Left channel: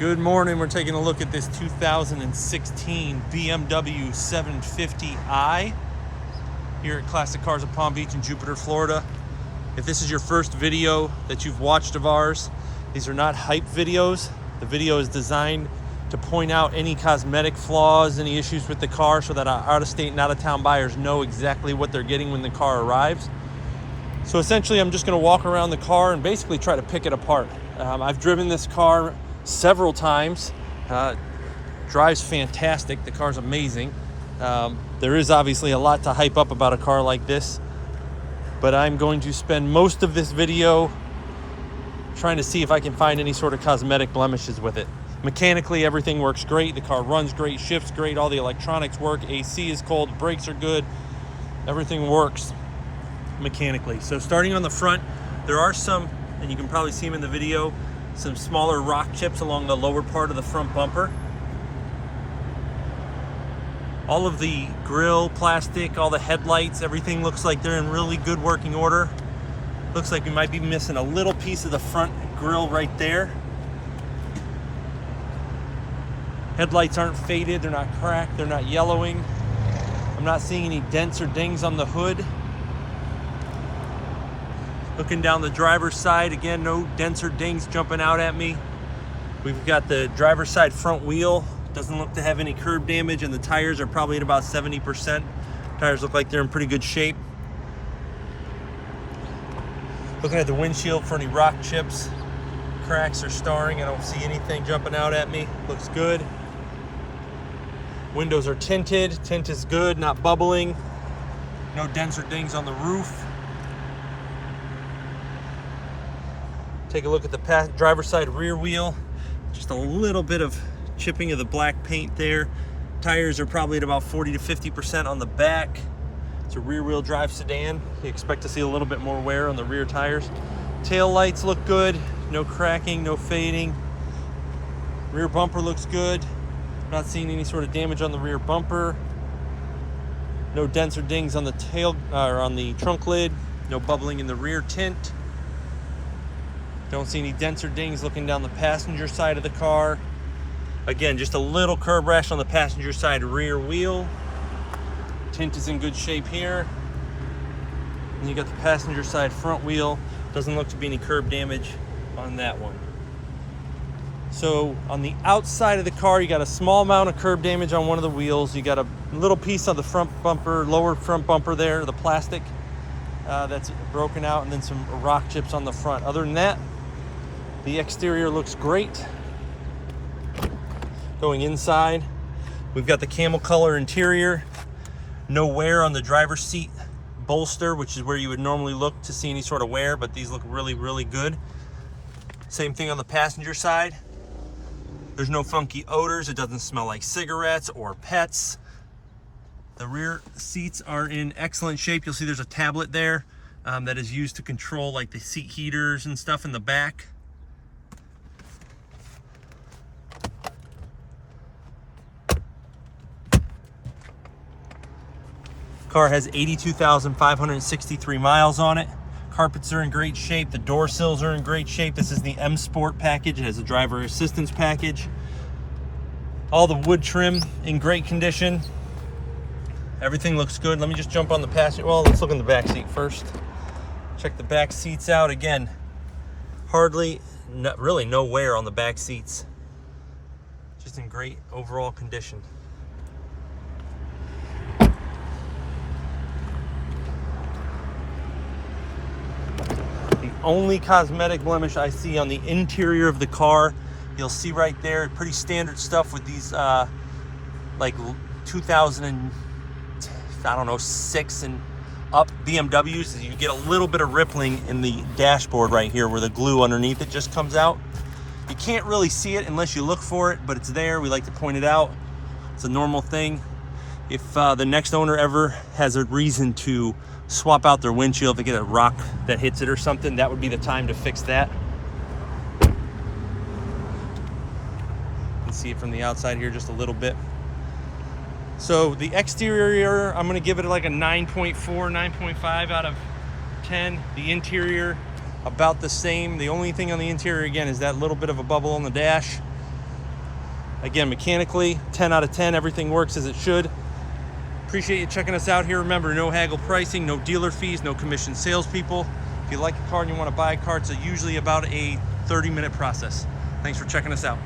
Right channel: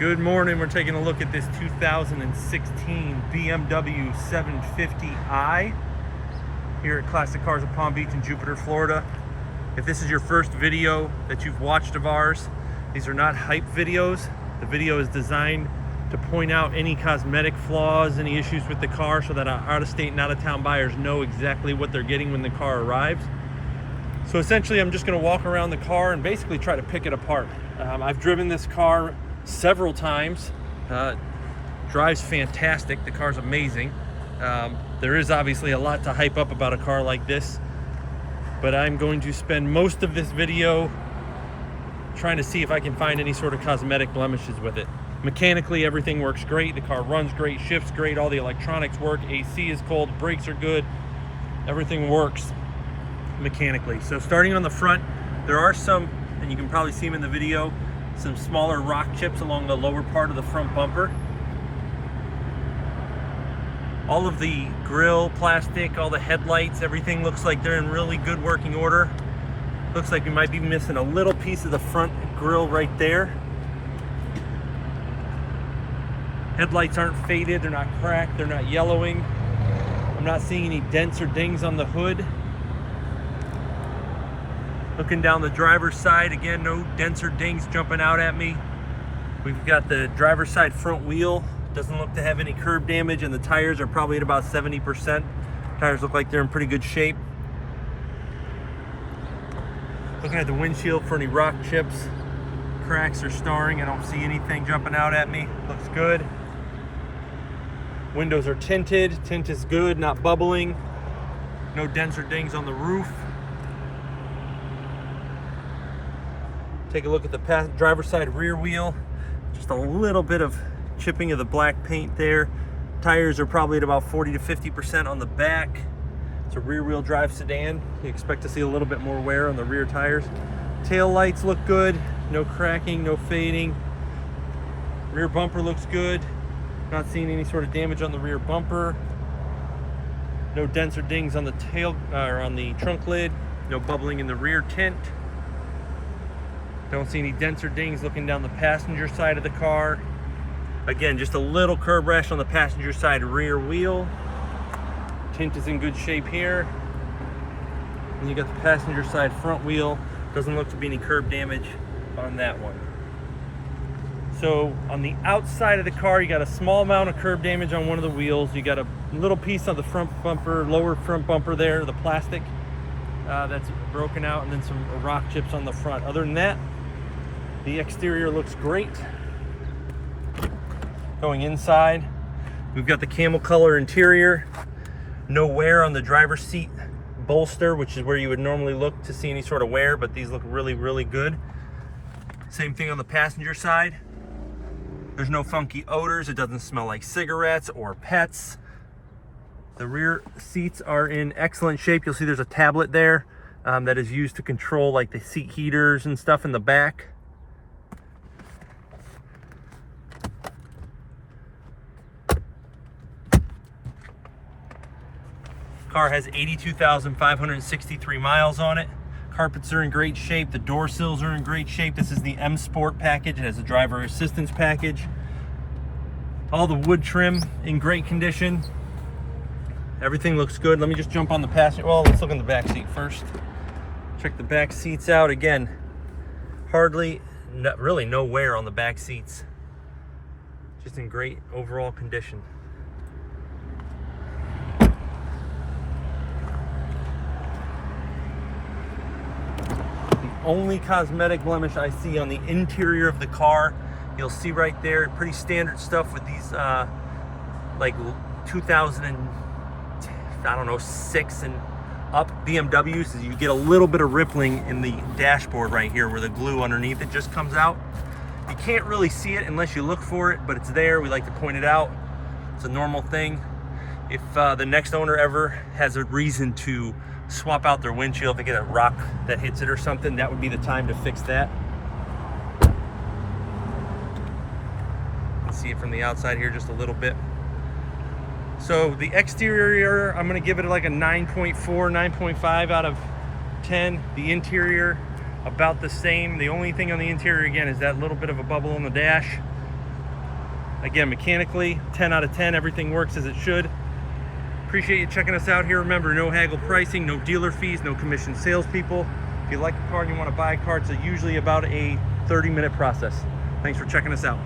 Good morning. We're taking a look at this 2016 BMW 750i here at Classic Cars of Palm Beach in Jupiter, Florida. If this is your first video that you've watched of ours, these are not hype videos. The video is designed to point out any cosmetic flaws, any issues with the car, so that our out-of-state and out-of-town buyers know exactly what they're getting when the car arrives. So essentially, I'm just going to walk around the car and basically try to pick it apart. I've driven this car several times. Drives fantastic. The car's amazing. There is obviously a lot to hype up about a car like this, but I'm going to spend most of this video trying to see if I can find any sort of cosmetic blemishes with it. Mechanically, everything works great. The car runs great, shifts great, all the electronics work, AC is cold, brakes are good, everything works mechanically. So starting on the front, there are some, and you can probably see them in the video, some smaller rock chips along the lower part of the front bumper. All of the grille plastic, all the headlights, everything looks like they're in really good working order. Looks like we might be missing a little piece of the front grille right there. Headlights aren't faded, they're not cracked, they're not yellowing. I'm not seeing any dents or dings on the hood. Looking down the driver's side, again, no dents or dings jumping out at me. We've got the driver's side front wheel. Doesn't look to have any curb damage, and the tires are probably at about 70%. Tires look like they're in pretty good shape. Looking at the windshield for any rock chips, cracks or starring. I don't see anything jumping out at me. Looks good. Windows are tinted. Tint is good, not bubbling. No dents or dings on the roof. Take a look at the driver's side rear wheel. Just a little bit of chipping of the black paint there. Tires are probably at about 40 to 50% on the back. It's a rear wheel drive sedan. You expect to see a little bit more wear on the rear tires. Tail lights look good. No cracking, no fading. Rear bumper looks good. Not seeing any sort of damage on the rear bumper. No dents or dings on the tail or on the trunk lid. No bubbling in the rear tint. Don't see any dents or dings looking down the passenger side of the car. Again, just a little curb rash on the passenger side rear wheel. Tint is in good shape here. And you got the passenger side front wheel. Doesn't look to be any curb damage on that one. So on the outside of the car, you got a small amount of curb damage on one of the wheels. You got a little piece on the front bumper, lower front bumper there, the plastic that's broken out, and then some rock chips on the front. Other than that, the exterior looks great. Going inside, we've got the camel color interior. No wear on the driver's seat bolster, which is where you would normally look to see any sort of wear, but these look really, really good. Same thing on the passenger side. There's no funky odors. It doesn't smell like cigarettes or pets. The rear seats are in excellent shape. You'll see there's a tablet there that is used to control like the seat heaters and stuff in the back. Car has 82,563 miles on it. Carpets are in great shape. The door sills are in great shape. This is the M Sport package. It has a driver assistance package. All the wood trim in great condition. Everything looks good. Let me just jump on the passenger. Well, let's look in the back seat first. Check the back seats out. Again, really no wear on the back seats. Just in great overall condition. Only cosmetic blemish I see on the interior of the car, you'll see right there, pretty standard stuff with these like 2006 and up BMWs, is you get a little bit of rippling in the dashboard right here where the glue underneath it just comes out. You can't really see it unless you look for it, but it's there. We like to point it out. It's a normal thing. If the next owner ever has a reason to swap out their windshield, if they get a rock that hits it or something, that would be the time to fix that. You can see it from the outside here just a little bit. So the exterior, I'm gonna give it like a 9.4, 9.5 out of 10. The interior, about the same. The only thing on the interior, again, is that little bit of a bubble on the dash. Again, mechanically, 10 out of 10, everything works as it should. Appreciate you checking us out here. Remember, no haggle pricing, no dealer fees, no commission salespeople. If you like a car and you want to buy a car, it's usually about a 30-minute process. Thanks for checking us out.